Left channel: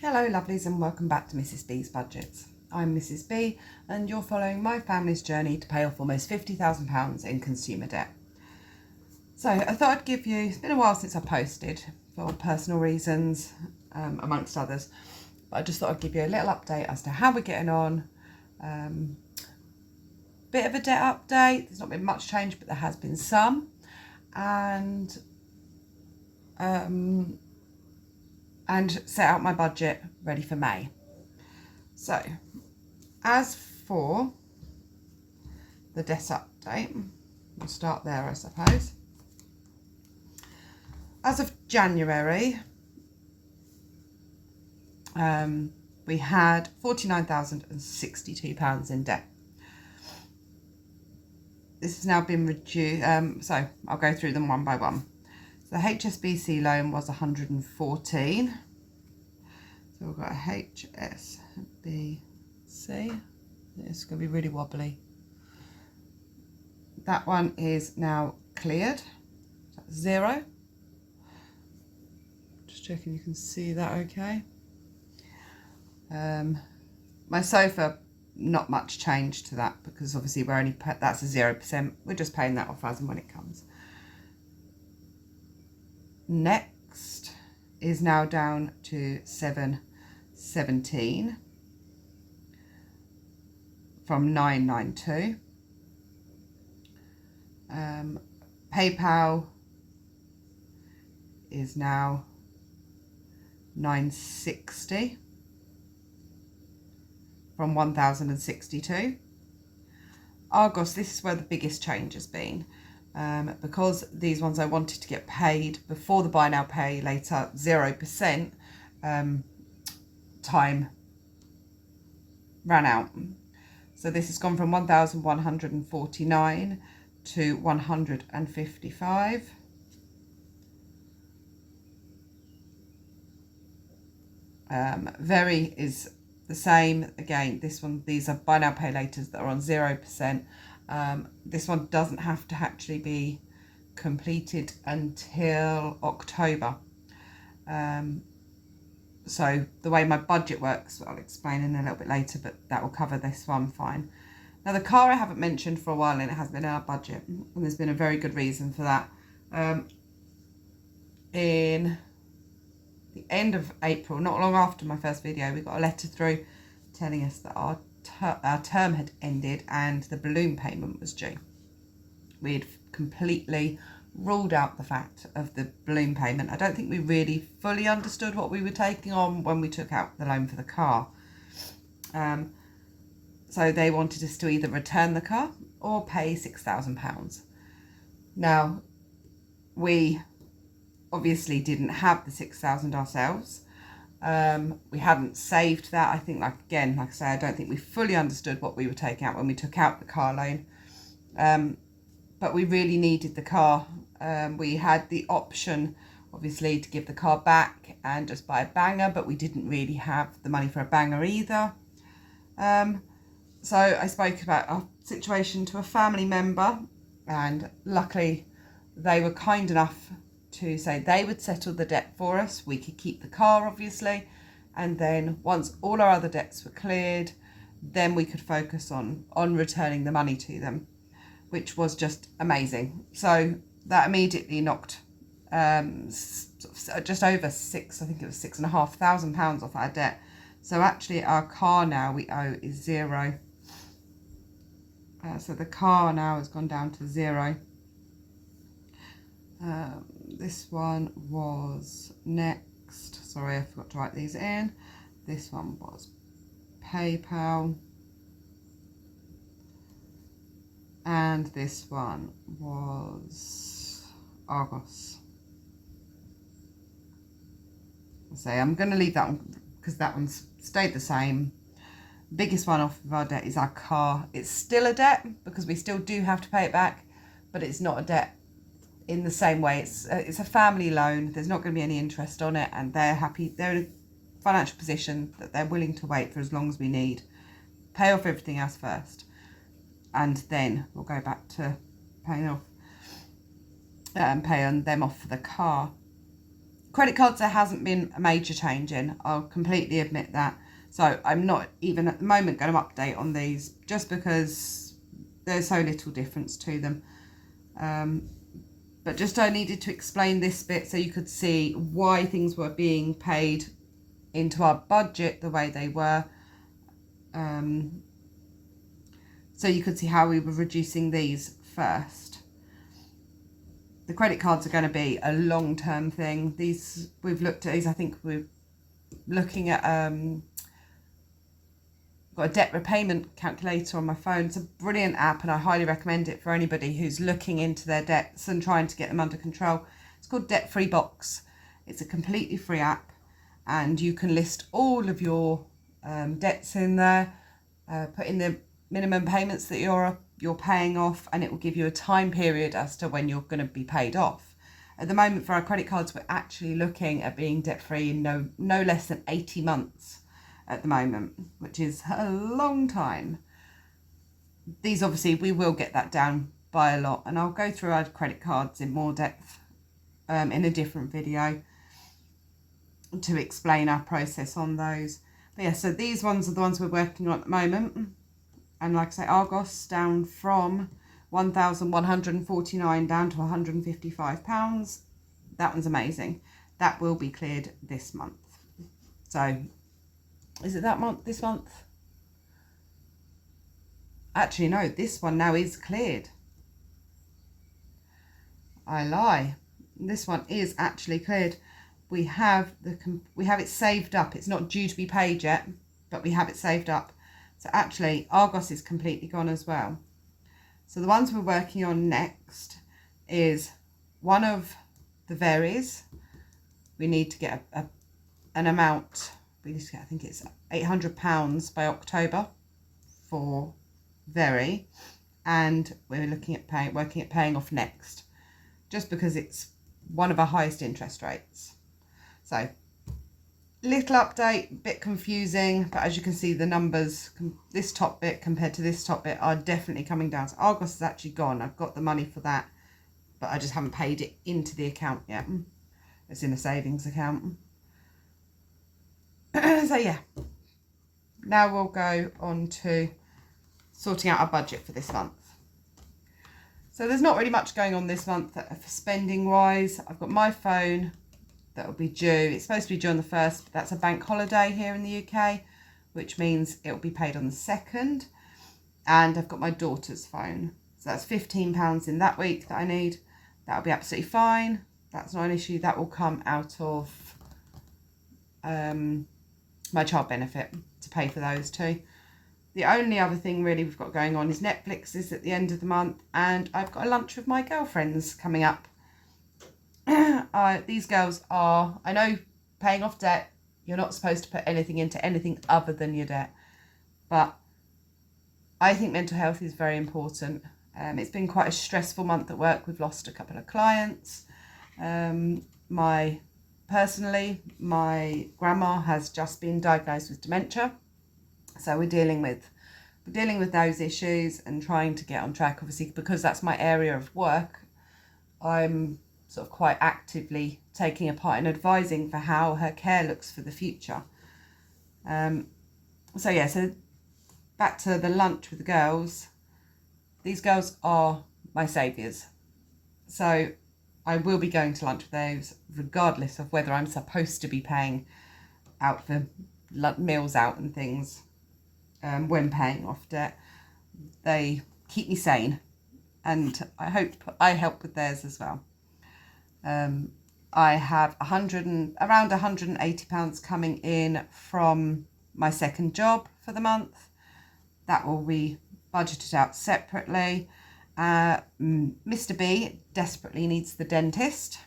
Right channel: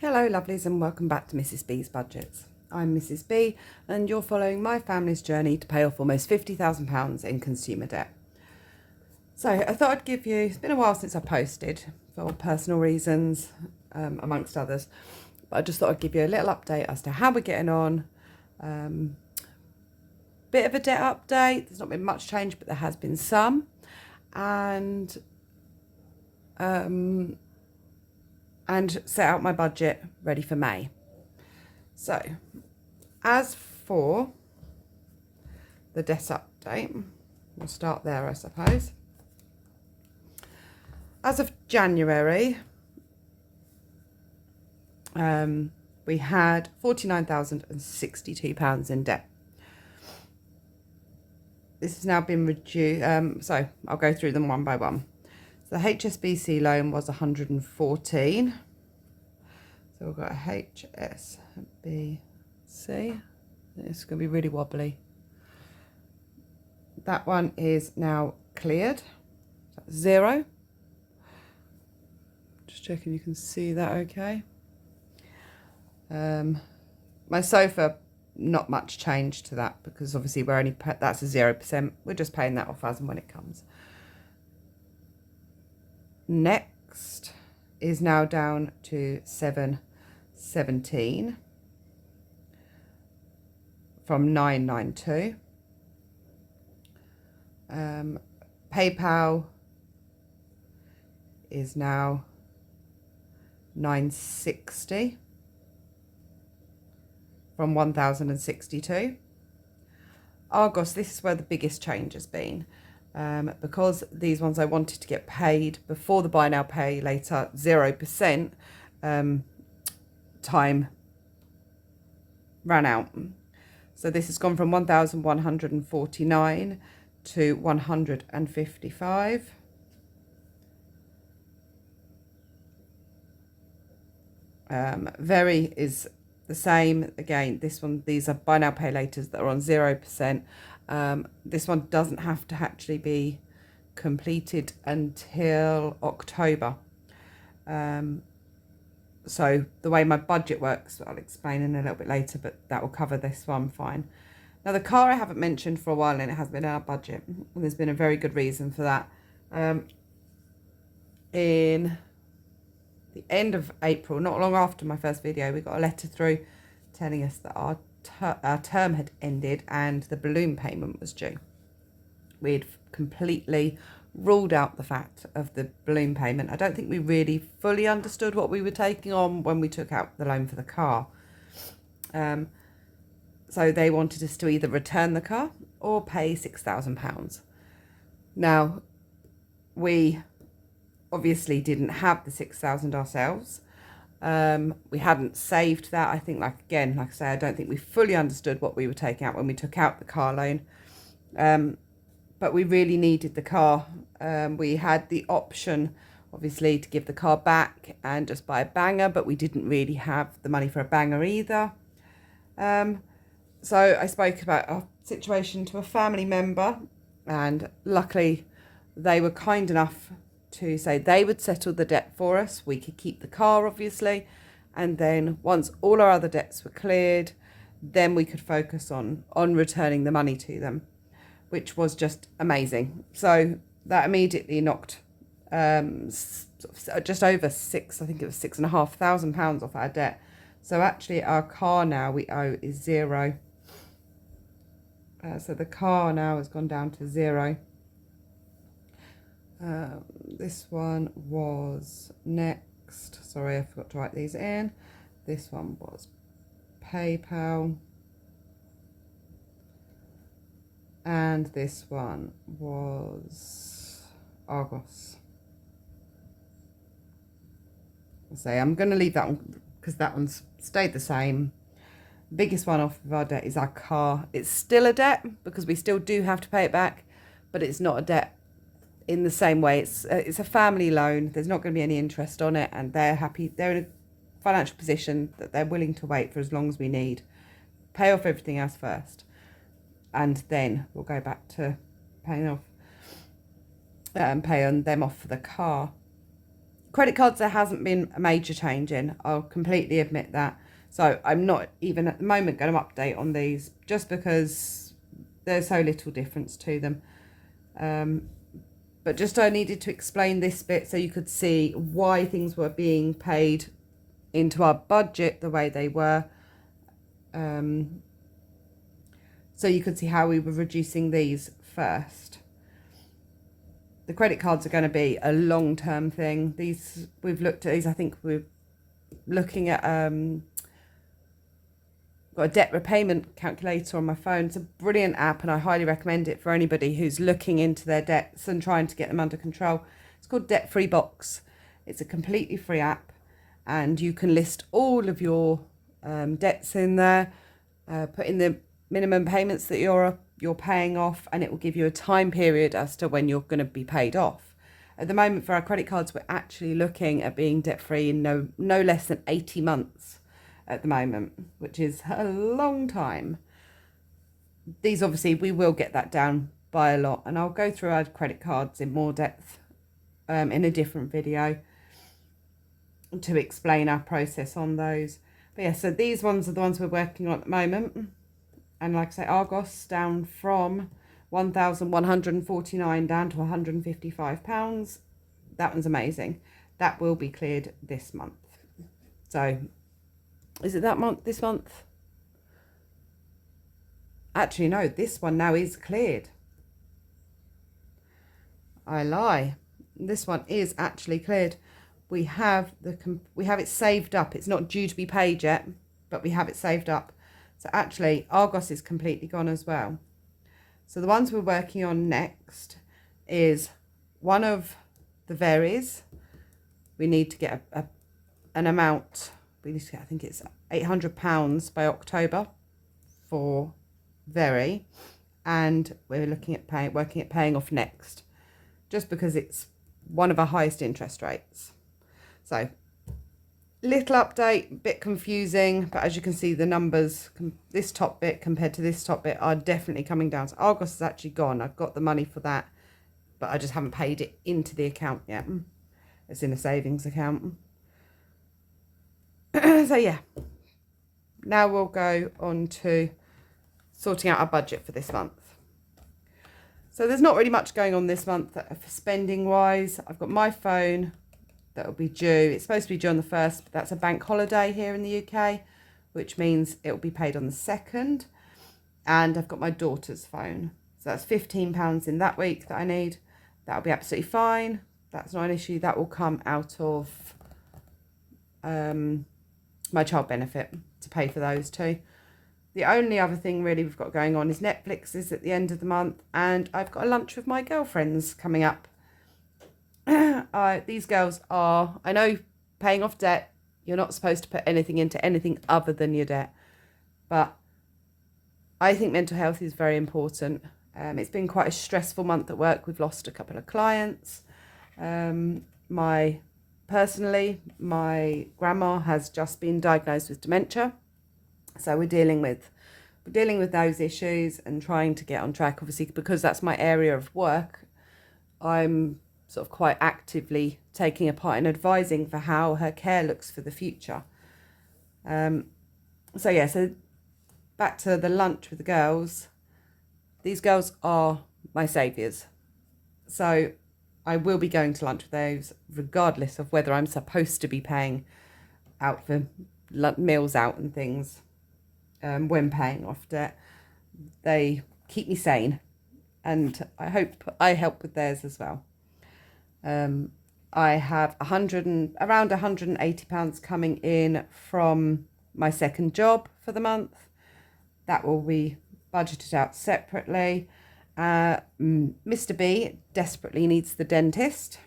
Hello lovelies and welcome back to Mrs B's Budgets. I'm Mrs B and you're following my family's journey to pay off almost £50,000 in consumer debt. So I thought I'd give you, it's been a while since I posted for personal reasons amongst others, but I just thought I'd give you a little update as to how we're getting on. Bit of a debt update, there's not been much change but there has been some, and set out my budget ready for May. So, as for the debt update, we'll start there, I suppose. As of January, we had £49,062 in debt. This has now been reduced, so I'll go through them one by one. So the HSBC loan was 114. So we've got a HSBC. It's going to be really wobbly. That one is now cleared. So that's 0. Just checking you can see that okay. My sofa, not much change to that because obviously we're only that's a 0%. We're just paying that off as and when it comes. Next is now down to 717 from 992. PayPal is now 960 from 1062. Argos, this is where the biggest change has been. Because these ones I wanted to get paid before the buy now pay later 0% time ran out. So this has gone from 1,149 to 155. Very is the same again. This one, these are buy now pay laters that are on 0%. This one doesn't have to actually be completed until October. So the way my budget works, I'll explain in a little bit later, but that will cover this one fine. Now the car I haven't mentioned for a while and it has been in our budget, and there's been a very good reason for that. In the end of April, not long after my first video, we got a letter through telling us that our term had ended and the balloon payment was due. We'd completely ruled out the fact of the balloon payment. I don't think we really fully understood what we were taking on when we took out the loan for the car. So they wanted us to either return the car or pay £6,000. Now, we obviously didn't have the £6,000 ourselves. We hadn't saved that. I think, like I say, I don't think we fully understood what we were taking out when we took out the car loan. But we really needed the car. We had the option, obviously, to give the car back and just buy a banger, but we didn't really have the money for a banger either. So I spoke about our situation to a family member, and luckily they were kind enough to say they would settle the debt for us. We could keep the car, obviously, and then once all our other debts were cleared, then we could focus on returning the money to them, which was just amazing. So that immediately knocked just over six, I think it was £6,500 off our debt. So actually our car now we owe is 0. So the car now has gone down to 0. This one was next. Sorry, I forgot to write these in. This one was PayPal. And this one was Argos. So I'm going to leave that one because that one's stayed the same. Biggest one off of our debt is our car. It's still a debt because we still do have to pay it back, but it's not a debt in the same way. It's a family loan. There's not going to be any interest on it, and they're happy. They're in a financial position that they're willing to wait for as long as we need. Pay off everything else first, and then we'll go back to paying off, paying them off for the car. Credit cards, there hasn't been a major change in. I'll completely admit that. So I'm not even at the moment going to update on these just because there's so little difference to them. But just I needed to explain this bit so you could see why things were being paid into our budget the way they were. So you could see how we were reducing these first. The credit cards are going to be a long-term thing. These, we've looked at these, I think we're looking at, got a debt repayment calculator on my phone. It's a brilliant app and I highly recommend it for anybody who's looking into their debts and trying to get them under control. It's called Debt Free Box. It's a completely free app and you can list all of your debts in there, put in the minimum payments that you're paying off, and it will give you a time period as to when you're going to be paid off. At the moment for our credit cards, we're actually looking at being debt free in no less than 80 months at the moment, which is a long time. These obviously, we will get that down by a lot, and I'll go through our credit cards in more depth in a different video to explain our process on those. But yeah, so these ones are the ones we're working on at the moment. And like I say, Argos down from 1,149 down to £155. That one's amazing. That will be cleared this month. So, is it that month, this month? Actually, no, this one now is cleared. I lie. This one is actually cleared. We have it saved up. It's not due to be paid yet, but we have it saved up. So actually, Argos is completely gone as well. So the ones we're working on next is one of the Veris. We need to get an amount. We need to get, I think it's £800 by October for Veri, and we're looking at working at paying off next, just because it's one of our highest interest rates. So, little update, bit confusing, but as you can see, the numbers, this top bit compared to this top bit, are definitely coming down. So Argos is actually gone. I've got the money for that, but I just haven't paid it into the account yet. It's in a savings account. So yeah, now we'll go on to sorting out our budget for this month. So there's not really much going on this month for spending wise. I've got my phone that will be due. It's supposed to be due on the 1st, but that's a bank holiday here in the UK, which means it will be paid on the 2nd. And I've got my daughter's phone. So that's £15 in that week that I need. That'll be absolutely fine. That's not an issue. That will come out of my child benefit to pay for those two. The only other thing really we've got going on is Netflix is at the end of the month, and I've got a lunch with my girlfriends coming up. These girls are, I know, paying off debt. You're not supposed to put anything into anything other than your debt, but I think mental health is very important. It's been quite a stressful month at work. We've lost a couple of clients. Personally, my grandma has just been diagnosed with dementia. So we're dealing with those issues and trying to get on track. Obviously, because that's my area of work, I'm sort of quite actively taking a part in advising for how her care looks for the future. So yeah, so back to the lunch with the girls. These girls are my saviours. So I will be going to lunch with those regardless of whether I'm supposed to be paying out for meals out and things. When paying off debt, they keep me sane, and I hope I help with theirs as well. I have around £180 coming in from my second job for the month. That will be budgeted out separately. Mr. B desperately needs the dentist,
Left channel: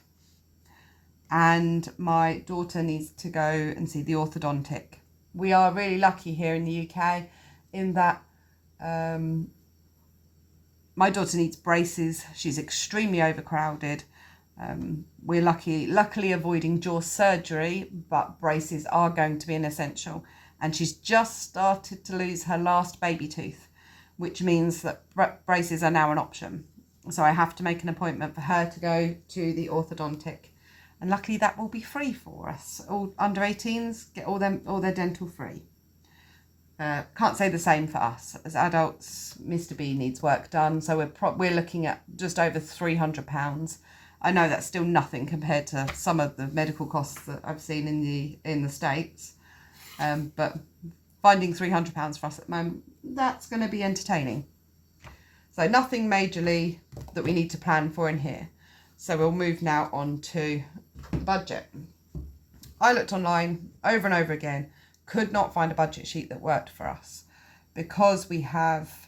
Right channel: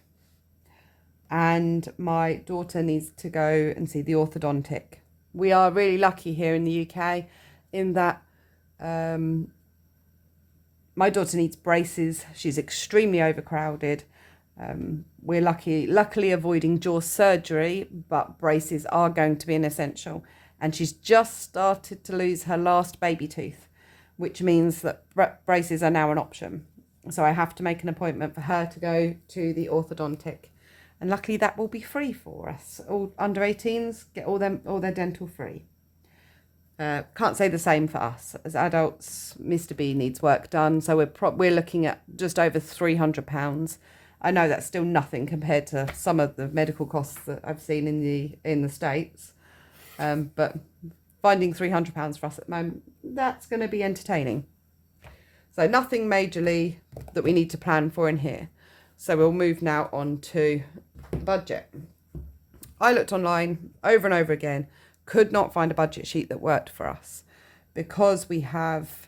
and my daughter needs to go and see the orthodontic. We are really lucky here in the UK in that my daughter needs braces. She's extremely overcrowded. We're luckily avoiding jaw surgery, but braces are going to be an essential. And she's just started to lose her last baby tooth, which means that braces are now an option. So I have to make an appointment for her to go to the orthodontic. And luckily that will be free for us. All under 18s get all their dental free. Can't say the same for us. As adults, Mr. B needs work done, so we're looking at just over £300. I know that's still nothing compared to some of the medical costs that I've seen in the States, but finding £300 for us at the moment, that's going to be entertaining. So nothing majorly that we need to plan for in here. So we'll move now on to budget. I looked online over and over again, could not find a budget sheet that worked for us because we have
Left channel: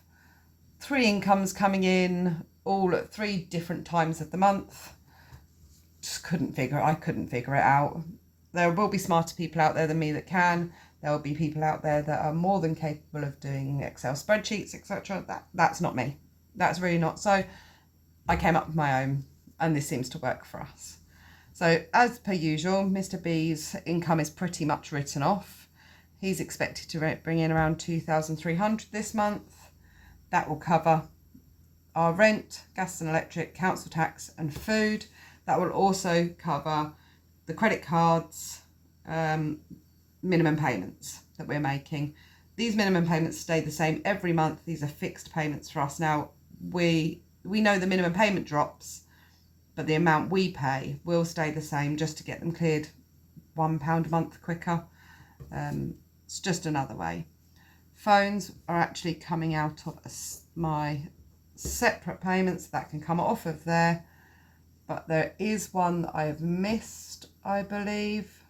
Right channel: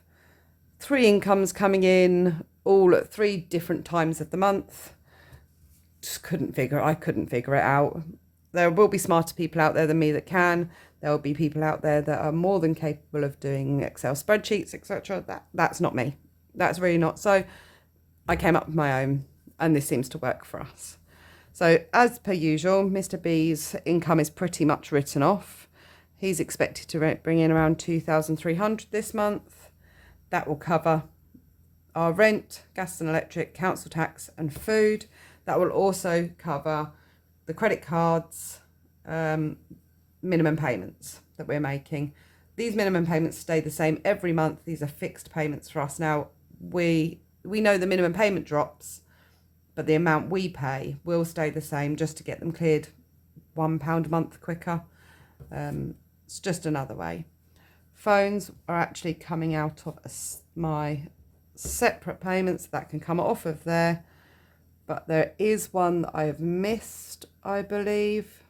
3 incomes coming in all at 3 different times of the month. I couldn't figure it out. There will be smarter people out there than me that can. There will be people out there that are more than capable of doing Excel spreadsheets, etc. That's not me. That's really not. So I came up with my own, and this seems to work for us. So as per usual, Mr. B's income is pretty much written off. He's expected to bring in around 2,300 this month. That will cover our rent, gas and electric, council tax and food. That will also cover the credit cards, minimum payments that we're making. These minimum payments stay the same every month. These are fixed payments for us. Now, we know the minimum payment drops, but the amount we pay will stay the same just to get them cleared £1 a month quicker. It's just another way. Phones are actually coming out of my separate payments that can come off of there, but there is one that I have missed, I believe.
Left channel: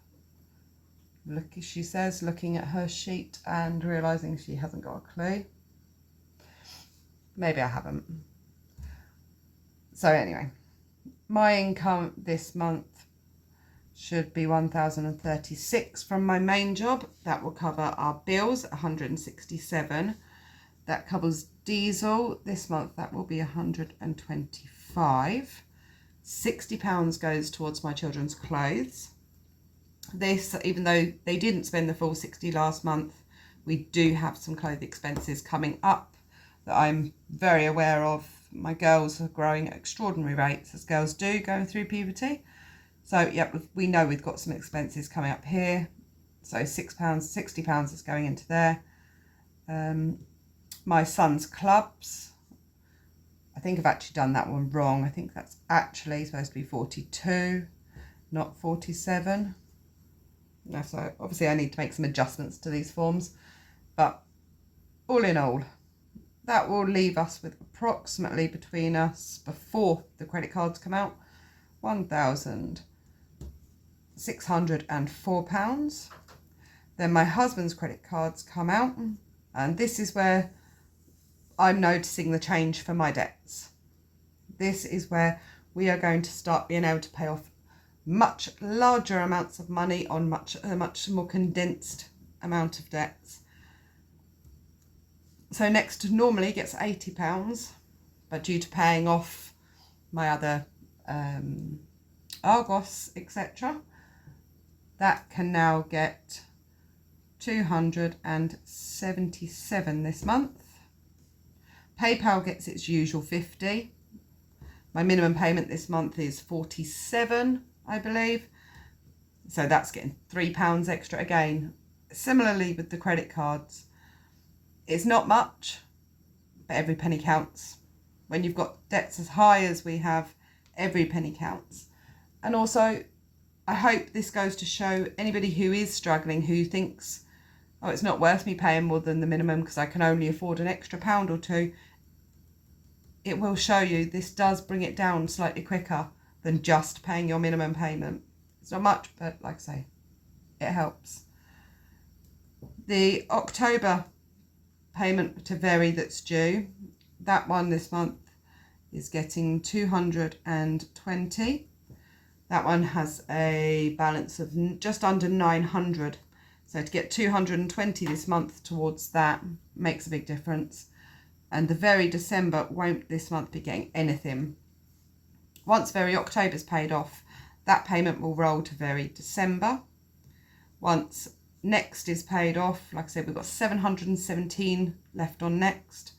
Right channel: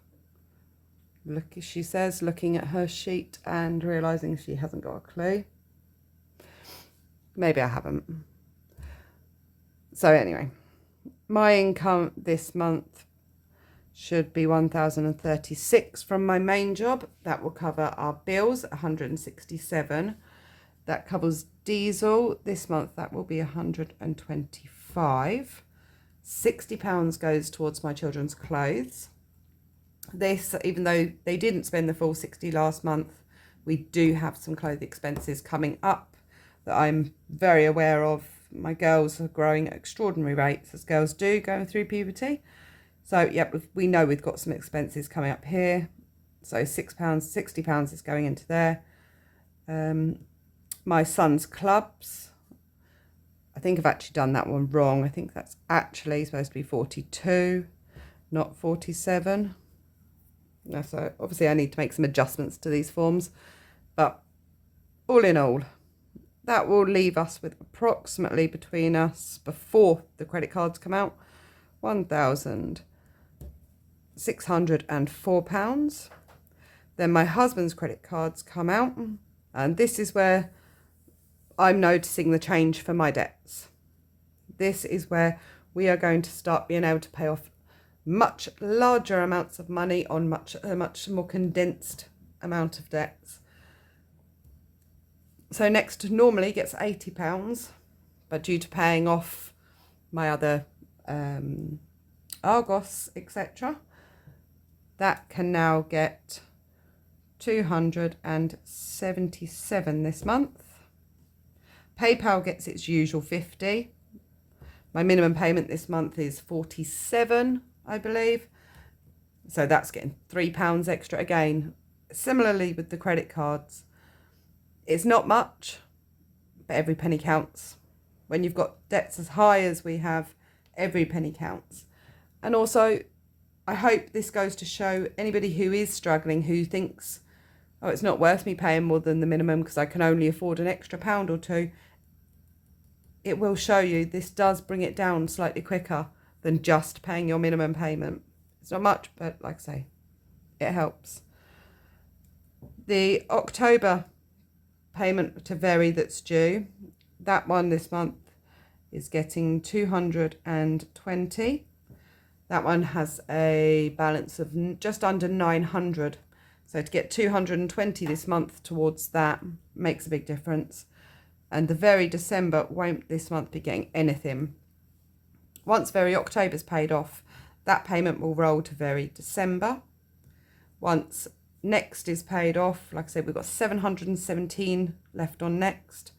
Look, she says, looking at her sheet and realising she hasn't got a clue. Maybe I haven't. So anyway, my income this month should be 1,036 from my main job. That will cover our bills, 167. That covers diesel. This month that will be 125. £60 goes towards my children's clothes. This, even though they didn't spend the full 60 last month, we do have some clothing expenses coming up that I'm very aware of. My girls are growing at extraordinary rates, as girls do going through puberty. So, yep, we know we've got some expenses coming up here. So £6, £60 is going into there. My son's clubs. I think I've actually done that one wrong. I think that's actually supposed to be 42, not 47. So obviously I need to make some adjustments to these forms. But all in all, that will leave us with approximately between us, before the credit cards come out, £1,604. Then my husband's credit cards come out, and this is where I'm noticing the change for my debts. This is where we are going to start being able to pay off much larger amounts of money on a much more condensed amount of debts. So next normally gets £80, but due to paying off my other Argos, etc., that can now get 277 this month. PayPal gets its usual 50. My minimum payment this month is 47, I believe. So that's getting £3 extra again. Similarly with the credit cards, it's not much, but every penny counts. When you've got debts as high as we have, every penny counts. And also, I hope this goes to show anybody who is struggling, who thinks, oh, it's not worth me paying more than the minimum because I can only afford an extra £1 or £2. It will show you this does bring it down slightly quicker than just paying your minimum payment. It's not much, but like I say, it helps. The October payment to Very that's due, that one this month is getting 220. That one has a balance of just under 900. So to get 220 this month towards that makes a big difference. And the Very December won't this month be getting anything. Once Very October's paid off, that payment will roll to Very December. Once Next is paid off, like I said, we've got 717 left on Next.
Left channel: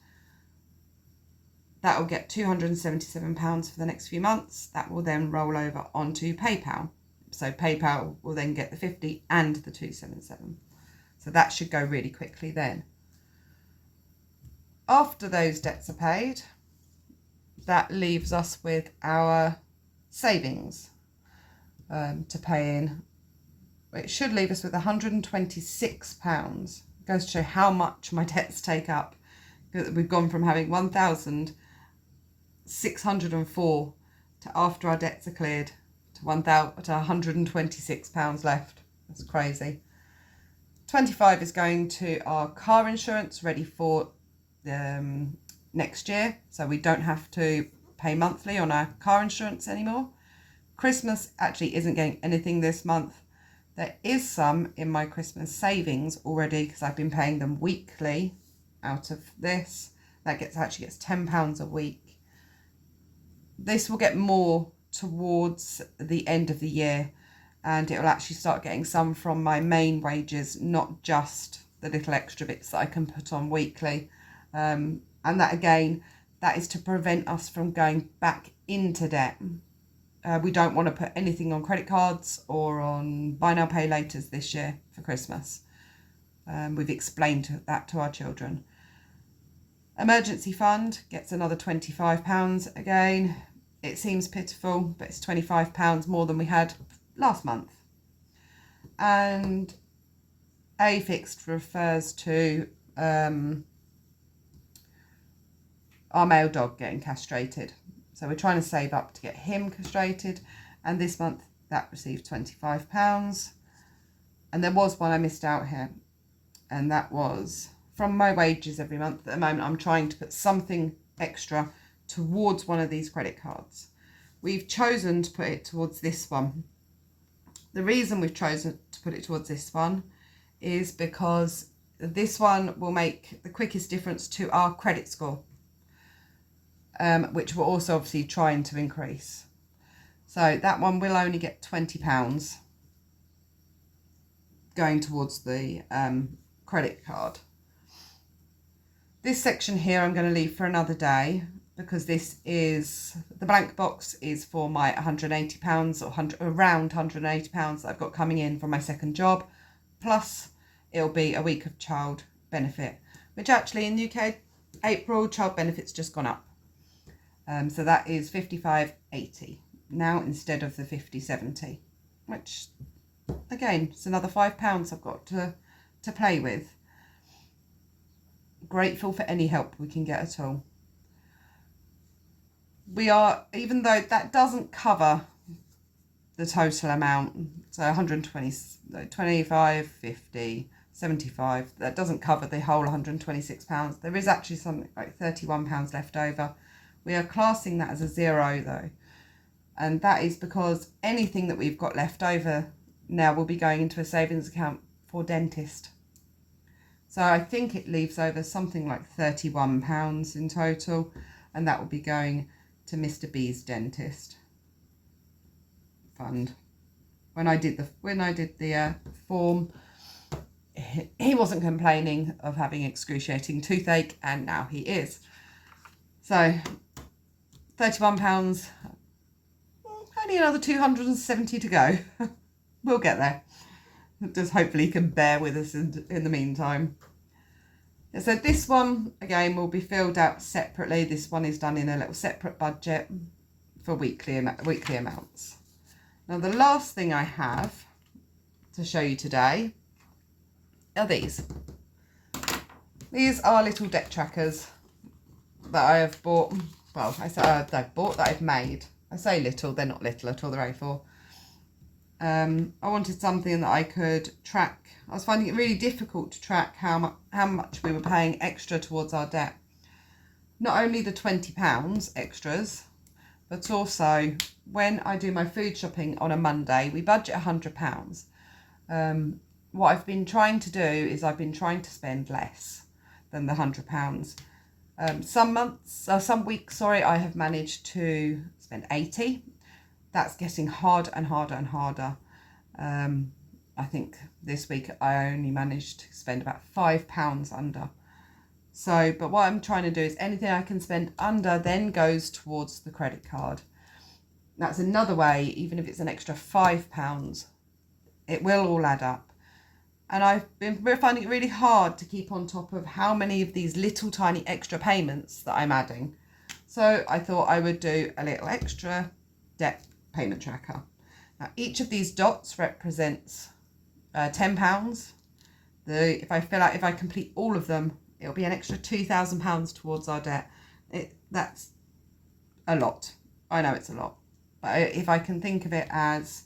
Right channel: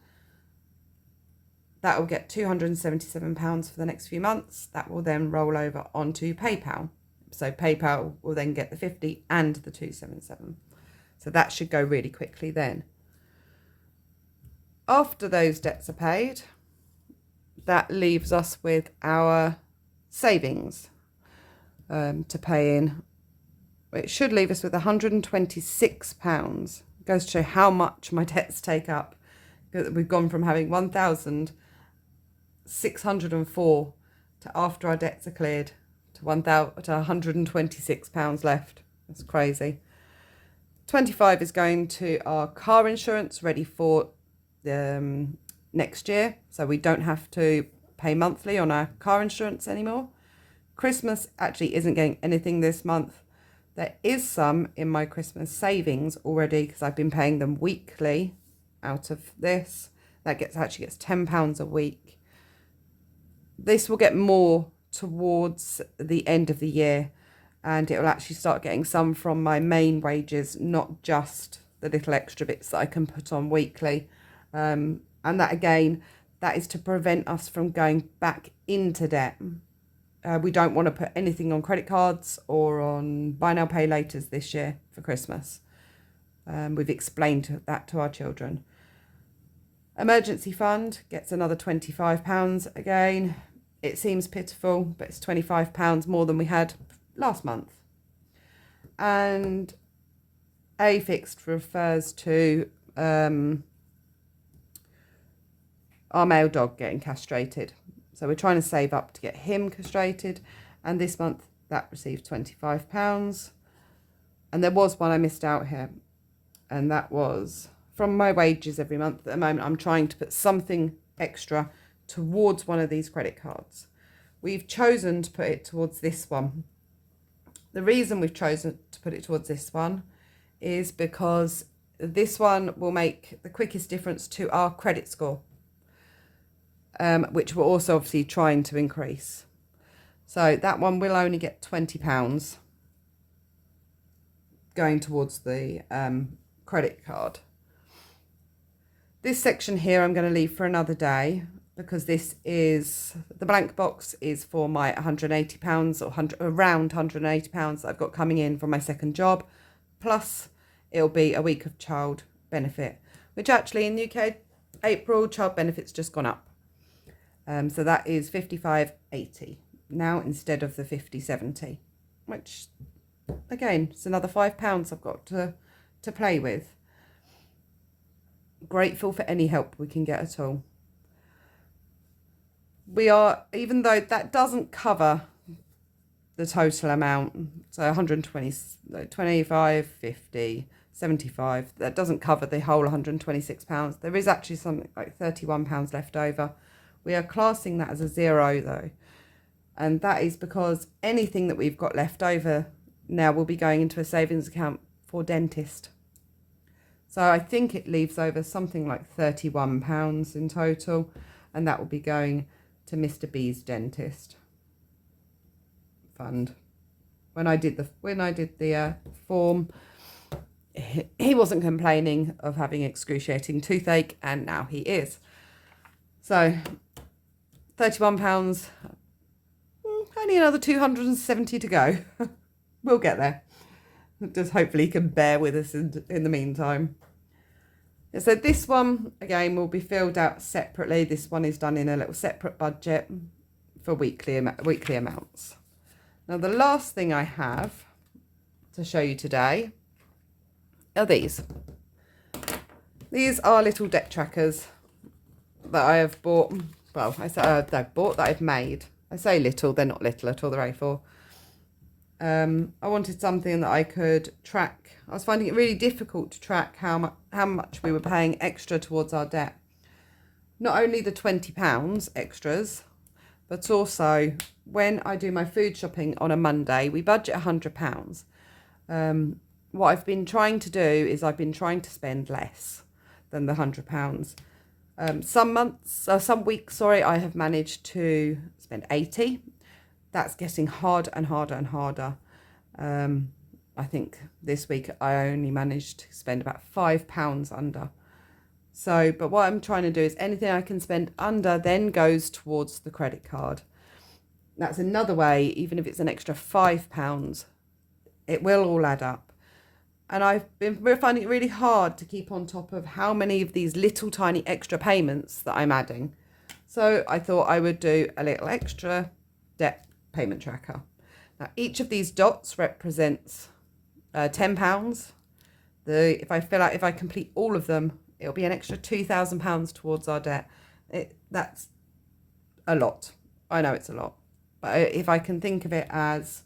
That will get £277 for the next few months. That will then roll over onto PayPal So PayPal will then get the 50 and the 277. So that should go really quickly then. After those debts are paid, that leaves us with our savings to pay in. It should leave us with £126. It goes to show how much my debts take up. We've gone from having 1,604 to, after our debts are cleared, to £126 left. That's crazy. 25 is going to our car insurance, ready for next year, so we don't have to pay monthly on our car insurance anymore. Christmas actually isn't getting anything this month. There is some in my Christmas savings already because I've been paying them weekly out of this. That actually gets £10 a week. This will get more towards the end of the year, and it will actually start getting some from my main wages, not just the little extra bits that I can put on weekly. And that again, that is to prevent us from going back into debt. We don't want to put anything on credit cards or on buy now pay laters this year for Christmas. We've explained that to our children. Emergency fund gets another £25 again. It seems pitiful, but it's £25 more than we had last month. And A fixed refers to our male dog getting castrated. So we're trying to save up to get him castrated. And this month that received £25. And there was one I missed out here. And that was from my wages every month. At the moment, I'm trying to put something extra towards one of these credit cards. We've chosen to put it towards this one. The reason we've chosen to put it towards this one is because this one will make the quickest difference to our credit score, which we're also obviously trying to increase. So that one will only get £20 going towards the credit card. This section here I'm going to leave for another day, because this is, the blank box is for my £180 or around £180 that I've got coming in from my second job, plus it'll be a week of child benefit, which actually in the UK, April, child benefit's just gone up. So that is £55.80 now instead of the £50.70, which again, it's another £5 I've got to play with. Grateful for any help we can get at all. We are, even though that doesn't cover the total amount, so 120, 25, 50, 75, that doesn't cover the whole £126. There is actually something like £31 left over. We are classing that as a zero though, and that is because anything that we've got left over now will be going into a savings account for dentist. So I think it leaves over something like £31 in total, and that will be going to Mr. B's dentist fund. When I did the form, he wasn't complaining of having excruciating toothache, and now he is. So £31, only another 270 to go. We'll get there. Just hopefully he can bear with us in the meantime. So this one, again, will be filled out separately. This one is done in a little separate budget for weekly amounts. Now, the last thing I have to show you today are these. These are little debt trackers that I have bought. Well, I say I've bought, that I've made. I say little, they're not little at all, they're A4. I wanted something that I could track. I was finding it really difficult to track how much we were paying extra towards our debt. Not only the £20 extras, but also when I do my food shopping on a Monday, we budget £100. What I've been trying to do is I've been trying to spend less than the £100. Some weeks, I have managed to spend 80. That's getting harder and harder and harder. I think this week I only managed to spend about £5 under. So, but what I'm trying to do is anything I can spend under then goes towards the credit card. That's another way, even if it's an extra £5, it will all add up. And we're finding it really hard to keep on top of how many of these little tiny extra payments that I'm adding. So I thought I would do a little extra debt payment tracker. Now each of these dots represents £10. If I complete all of them, it'll be an extra £2,000 towards our debt. That's a lot. I know it's a lot, but if I can think of it as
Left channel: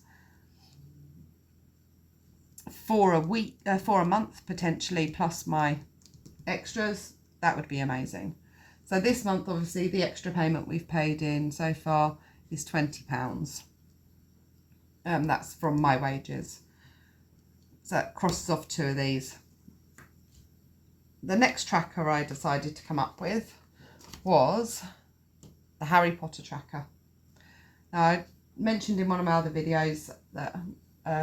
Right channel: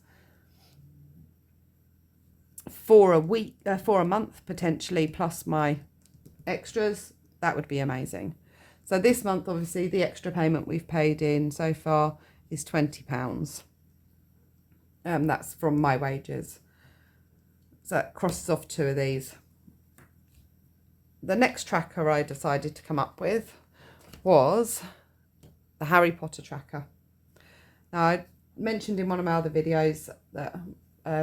for a month potentially, plus my extras, that would be amazing. So this month, obviously, the extra payment we've paid in so far is £20. That's from my wages. So that crosses off 2 of these. The next tracker I decided to come up with was the Harry Potter tracker. Now, I mentioned in one of my other videos that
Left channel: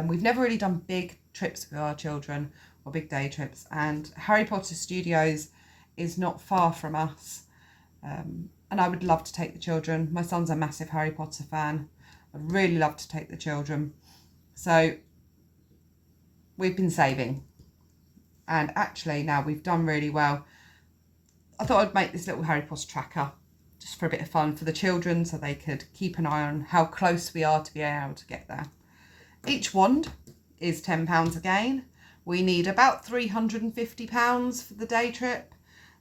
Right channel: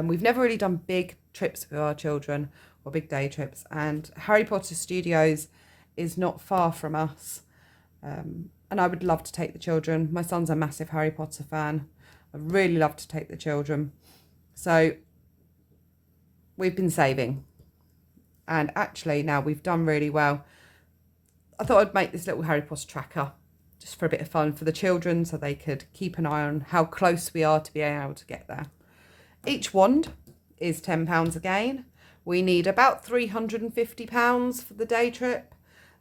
we've never really done big trips with our children or big day trips, and Harry Potter Studios is not far from us, and I would love to take the children. My son's a massive Harry Potter fan. I'd really love to take the children. So we've been saving, and actually now we've done really well. I thought I'd make this little Harry Potter tracker just for a bit of fun for the children, so they could keep an eye on how close we are to being able to get there. Each wand is £10 again. We need about £350 for the day trip.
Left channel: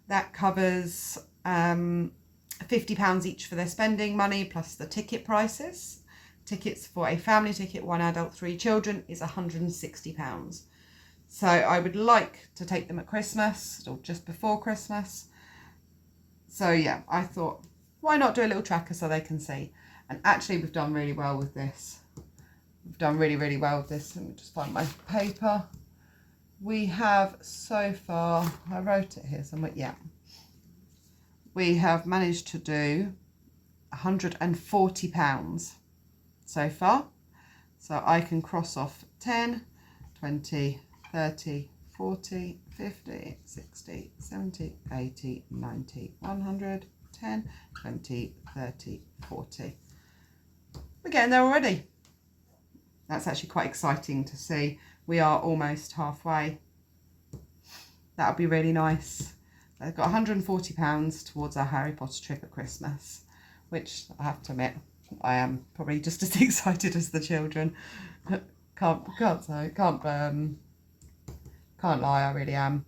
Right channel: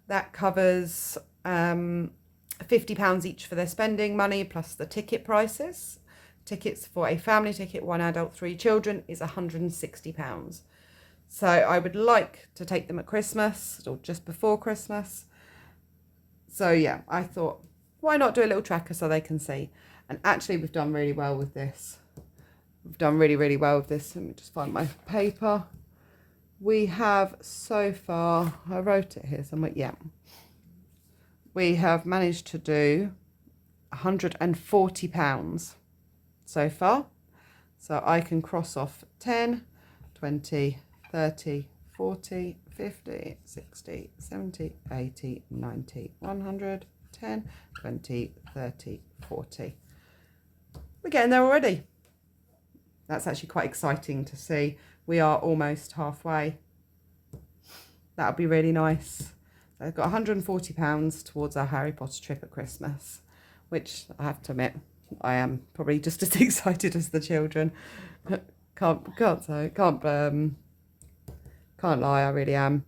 That covers £50 each for their spending money, plus the ticket prices. Tickets for a family ticket, 1 adult, 3 children, is £160. So I would like to take them at Christmas or just before Christmas. So yeah, I thought, why not do a little tracker so they can see? And actually we've done really well with this. We've done really, really well with this. Let me just find my paper. We have so far, I wrote it here somewhere, yeah. We have managed to do £140 so far. So I can cross off 10, 20, 30, 40, 50, 60, 70, 80, 90, 100, 10, 20, 30, 40. We're getting there already. That's actually quite exciting to see. We are almost halfway. That would be really nice. I've got £140 towards our Harry Potter trip at Christmas, which I have to admit, I am probably just as excited as the children. Can't lie, I really am.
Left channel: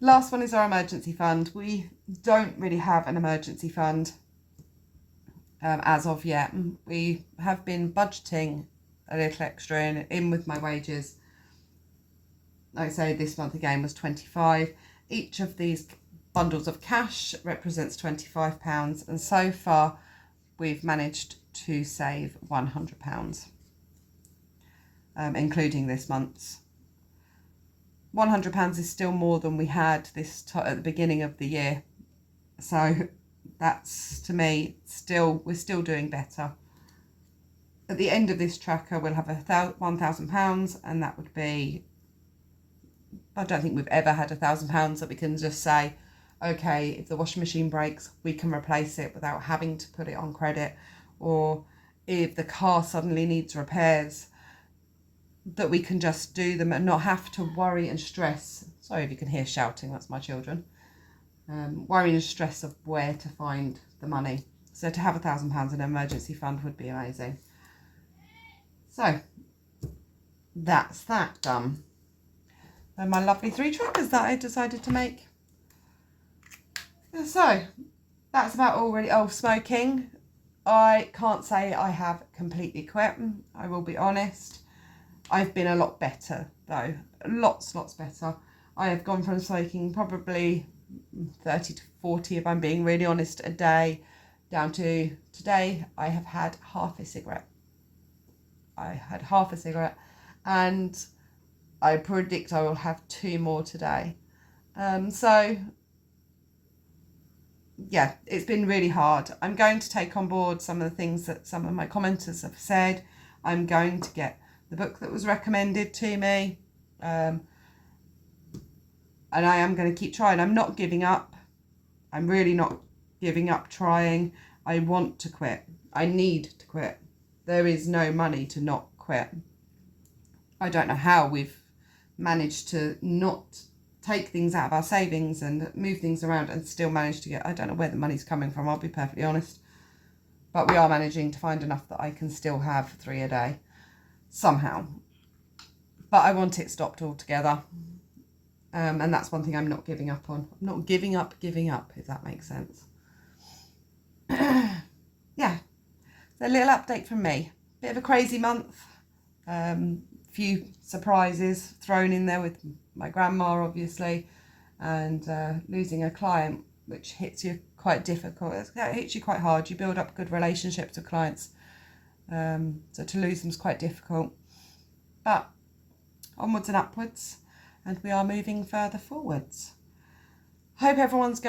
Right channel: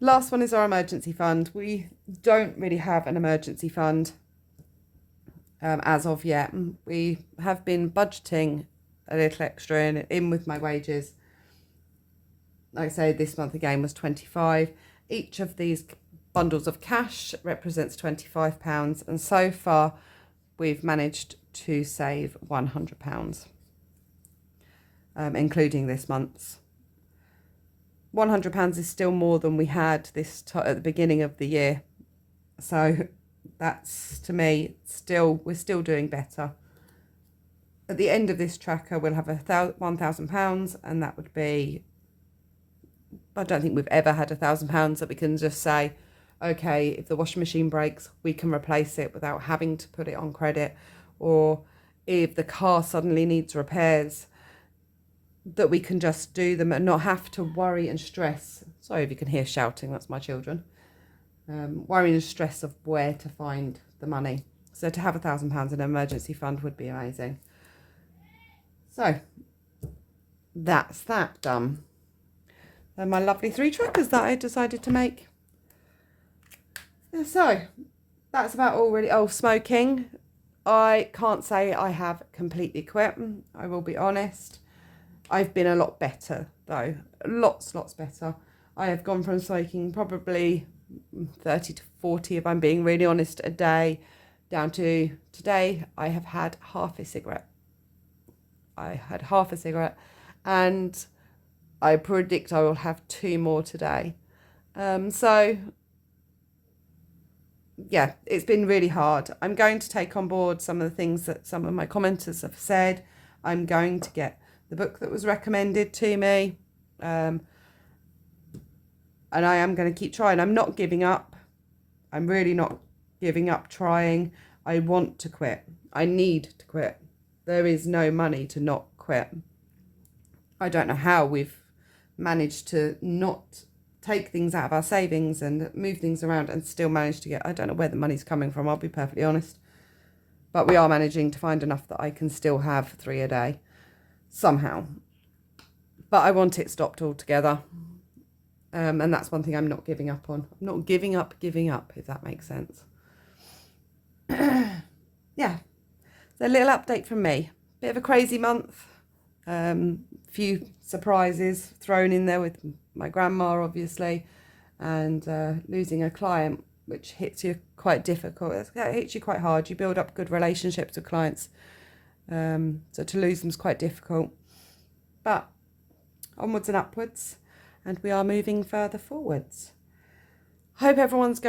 Last one is our emergency fund. We don't really have an emergency fund as of yet. We have been budgeting a little extra in with my wages. Like I say, this month again was 25. Each of these bundles of cash represents £25, and so far we've managed to save £100, including this month's. £100 is still more than we had at the beginning of the year, so that's, to me, we're still doing better. At the end of this tracker we'll have £1,000, and that would be, I don't think we've ever had £1,000 that we can just say, okay, if the washing machine breaks, we can replace it without having to put it on credit, or if the car suddenly needs repairs, that we can just do them and not have to worry and stress. Sorry if you can hear shouting, that's my children. Worry and stress of where to find the money. So to have £1,000 in an emergency fund would be amazing. So that's that done. They're my lovely 3 trackers that I decided to make. So that's about all really. Oh, smoking. I can't say I have completely quit. I will be honest. I've been a lot better though. Lots better. I have gone from smoking probably 30 to 40, if I'm being really honest, a day, down to today I have had half a cigarette. And I predict I will have 2 more today. So yeah, it's been really hard. I'm going to take on board some of the things that some of my commenters have said. I'm going to get the book that was recommended to me. And I am going to keep trying. I'm not giving up. I'm really not giving up trying. I want to quit. I need to quit. There is no money to not quit. I don't know how we've managed to not take things out of our savings and move things around and still manage to get, I don't know where the money's coming from, I'll be perfectly honest. But we are managing to find enough that I can still have 3 a day somehow. But I want it stopped altogether. And that's one thing I'm not giving up on. I'm not giving up, if that makes sense. Yeah. So a little update from me. Bit of a crazy month. Few surprises thrown in there with my grandma, obviously, and losing a client, which hits you quite difficult. It hits you quite hard. You build up good relationships with clients. So to lose them is quite difficult. But onwards and upwards, and we are moving further forwards. Hope everyone's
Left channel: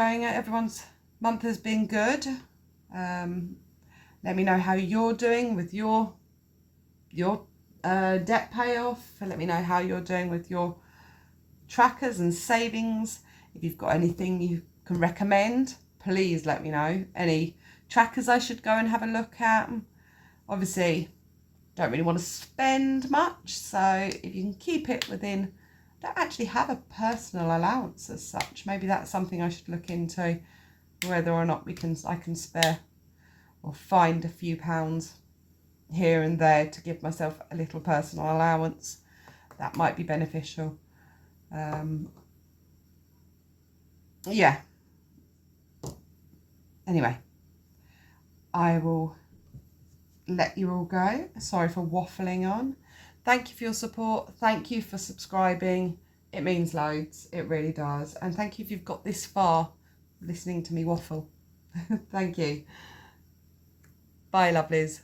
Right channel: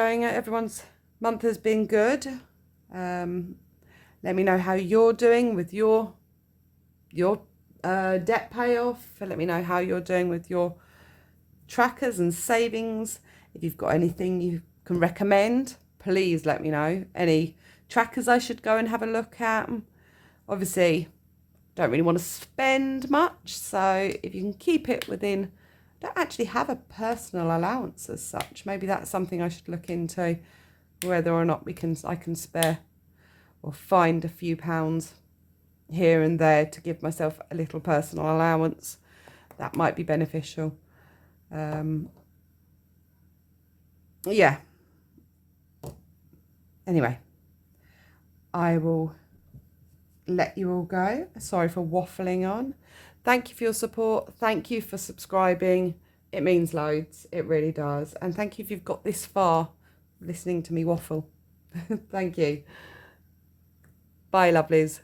month has been good. Let me know how you're doing with your debt payoff. Let me know how you're doing with your trackers and savings. If you've got anything you can recommend, please let me know. Any trackers I should go and have a look at. Obviously, don't really want to spend much, so if you can keep it within, don't actually have a personal allowance as such. Maybe that's something I should look into, whether or not I can spare or find a few pounds here and there to give myself a little personal allowance. That might be beneficial. Yeah. Anyway, I will let you all go. Sorry for waffling on. Thank you for your support. Thank you for subscribing. It means loads. It really does. And thank you if you've got this far listening to me waffle. Thank you. Bye, lovelies.